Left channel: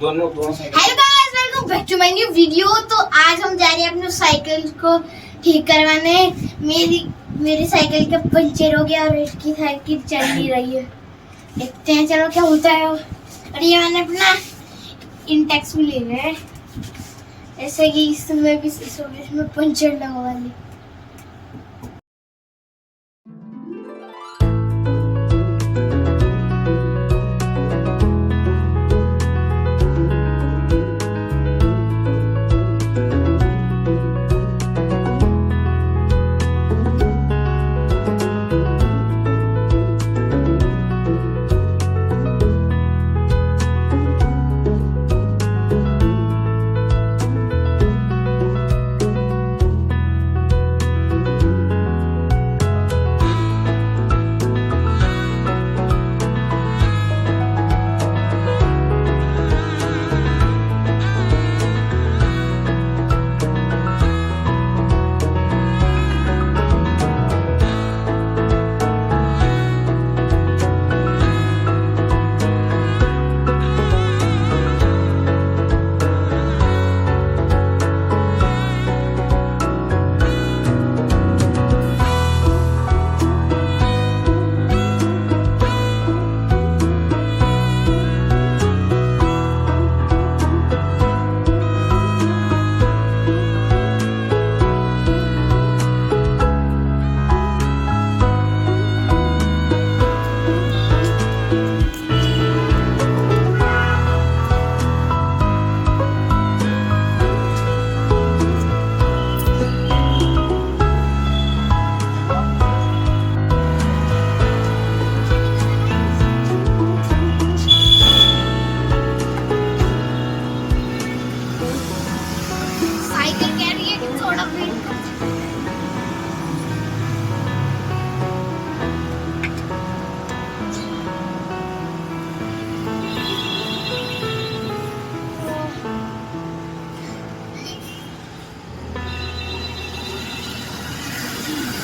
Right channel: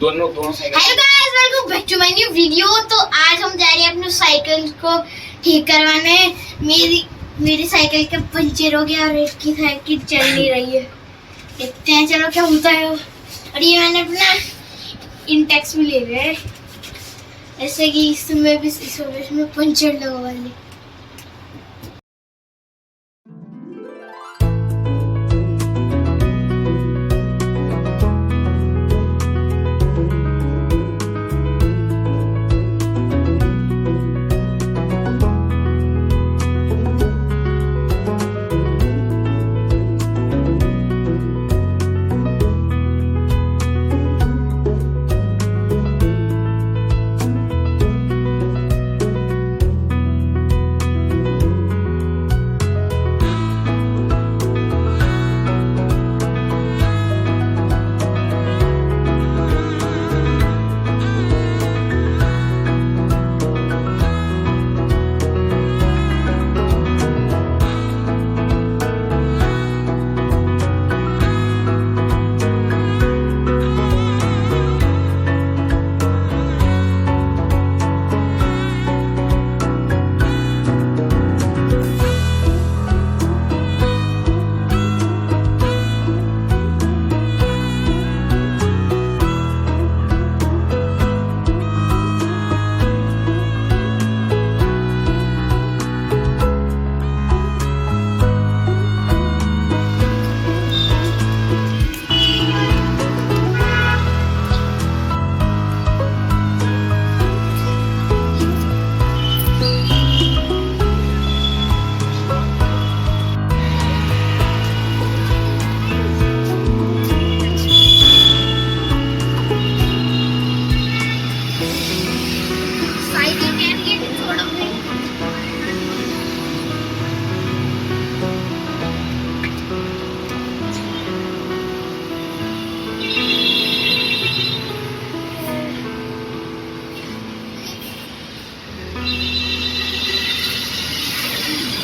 दोनों cycle. Hello guys, welcome back to my new video. तो आज हम जा रहे हैं अपने साइकिल को ठीक करवाने। मेरी साइकिल का पंचर हो गया और इसकी साइकिल चल नहीं रही है। देखते हैं चलो क्या होता है। और ये मैंने अपना इंटेक्स भी ले लिया है, ऐसे कि इसमें भी इसमें पंचर लगवा ले।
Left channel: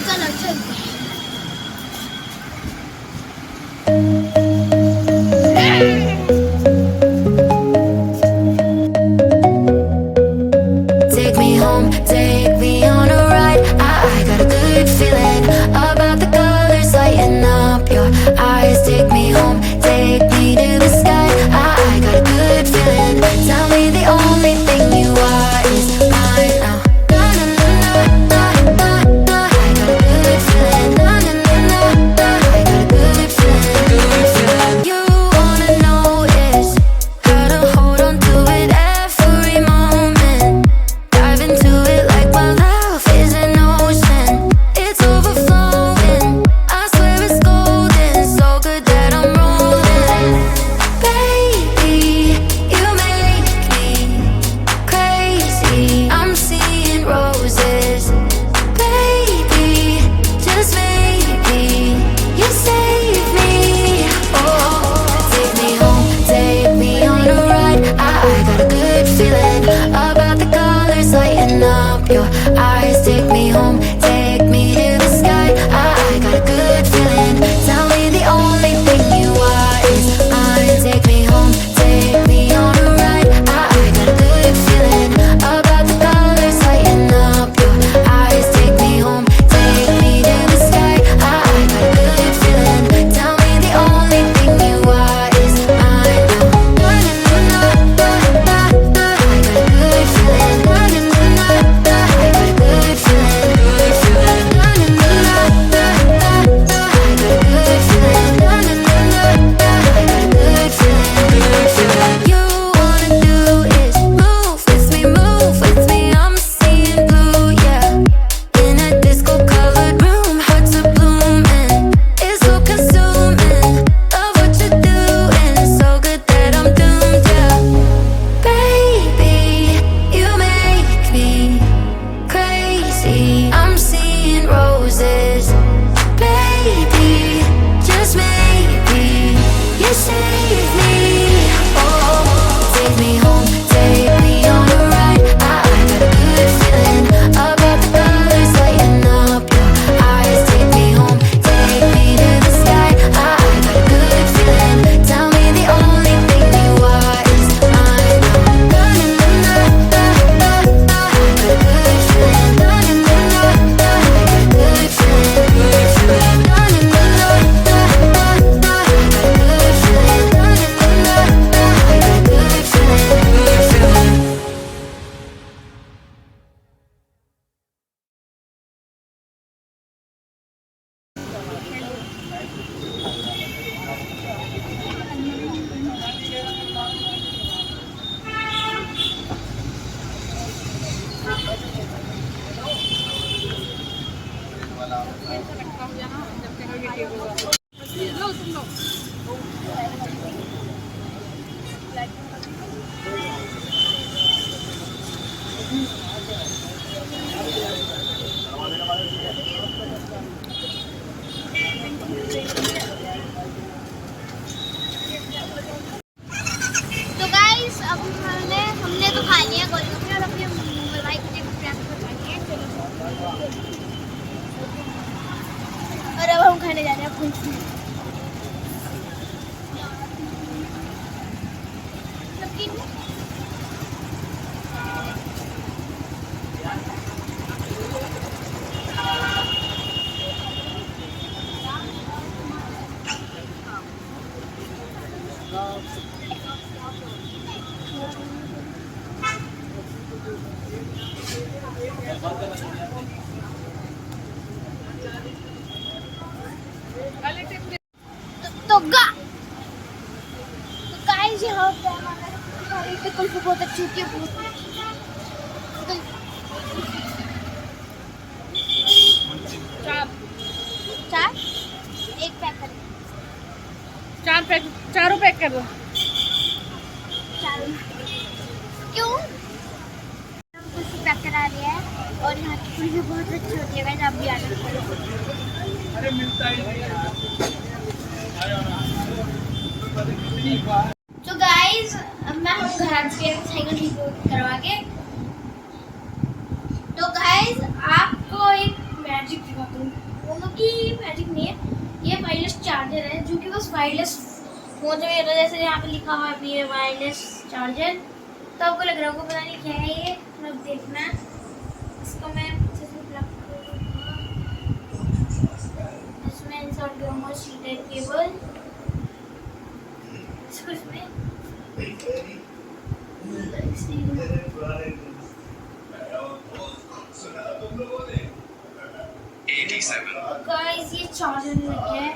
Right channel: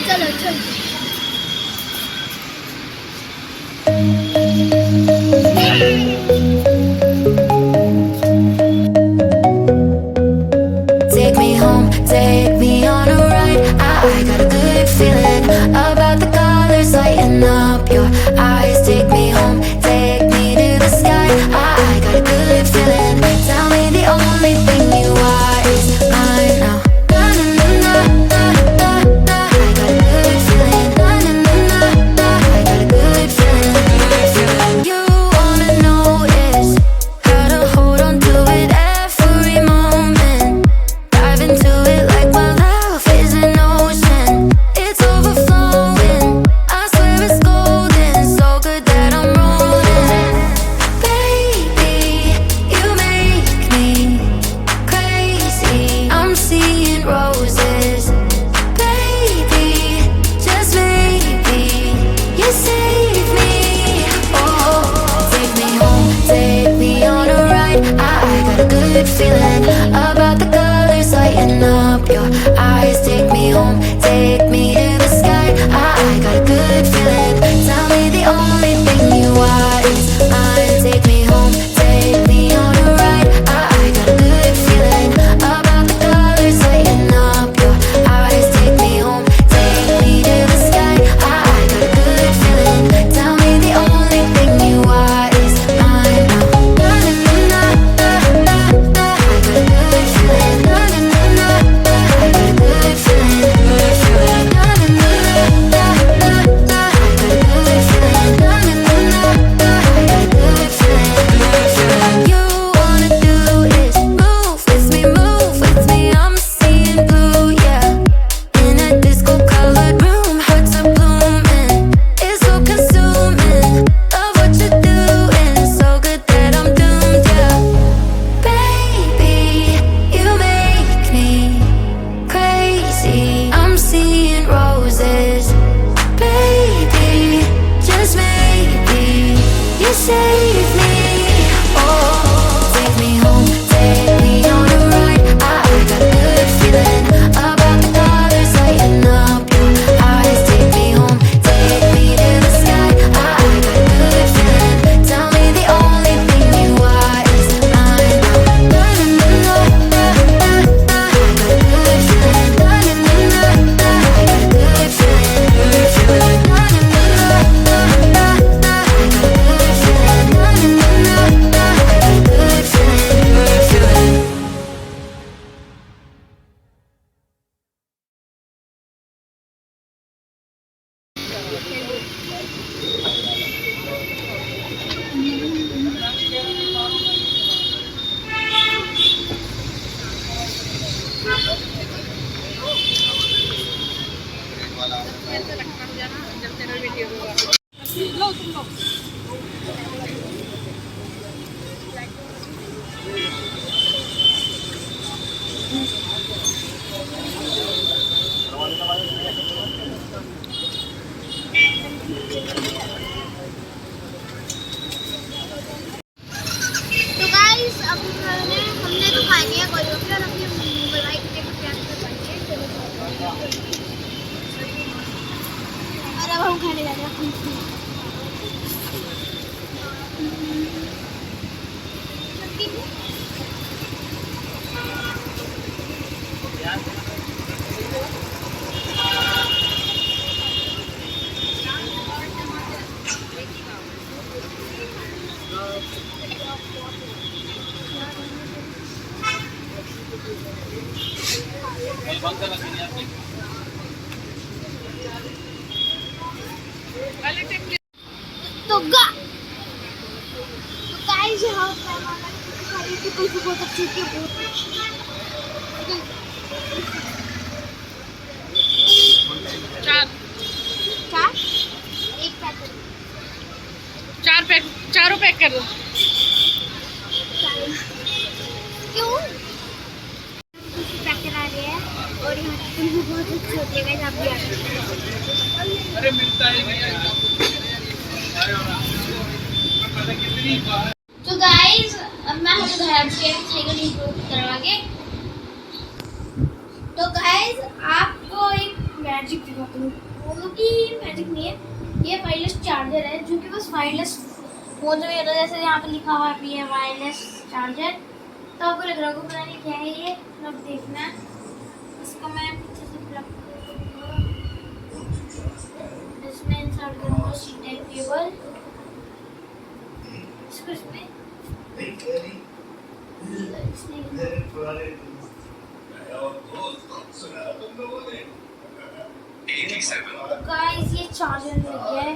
चलो चलो Take me home, take me on a ride. I got a good feeling about the colors lighting up your eyes. Take me home, take me to the sky. I got a good feeling. Tell me the only thing you are is mine now. Na na na na na na. I got a good feeling. Na na na na. I got a good feeling. Good feeling. You wanna know is how to hold on to it every moment. Dive into it like my love is an ocean. It's overflowing. I swear it's golden. So good that I'm rolling. में जा रहे हैं अपन। तो guys यहाँ पे हमारा सारी pickle भी बहुत अच्छी होती है, बहुत चार एक पैक कर दो, चारों पैक कर दो। क्यों कुछ पैक करा रहे हैं और यहाँ की पिकल भी बहुत अच्छी होती है गाइस, आप भी आ सकते हैं। अरे मिलता है तो गाइस अब मैं हम घर आ चुके हैं साइकिल ठीक करवा के। तो गाइस आपको एक मैजिक दिखाता हूँ, बोलो कि मैजिक नहीं है, ये वायरलेस चार्जर है जो कि बस वायरलेस फोन में होता है, जैसे यहाँ पे लिखा हुआ है ये वायरलेस चार्जर। तो आपको लग रहा होगा पता नहीं क्या है ये, अब देखना इसको मैं अच्छे से प्लग करूँगा, इसमें इंसर्ट करूँगा सी टाइप केबल, इसमें गाइस ये चार्जर लग गया है,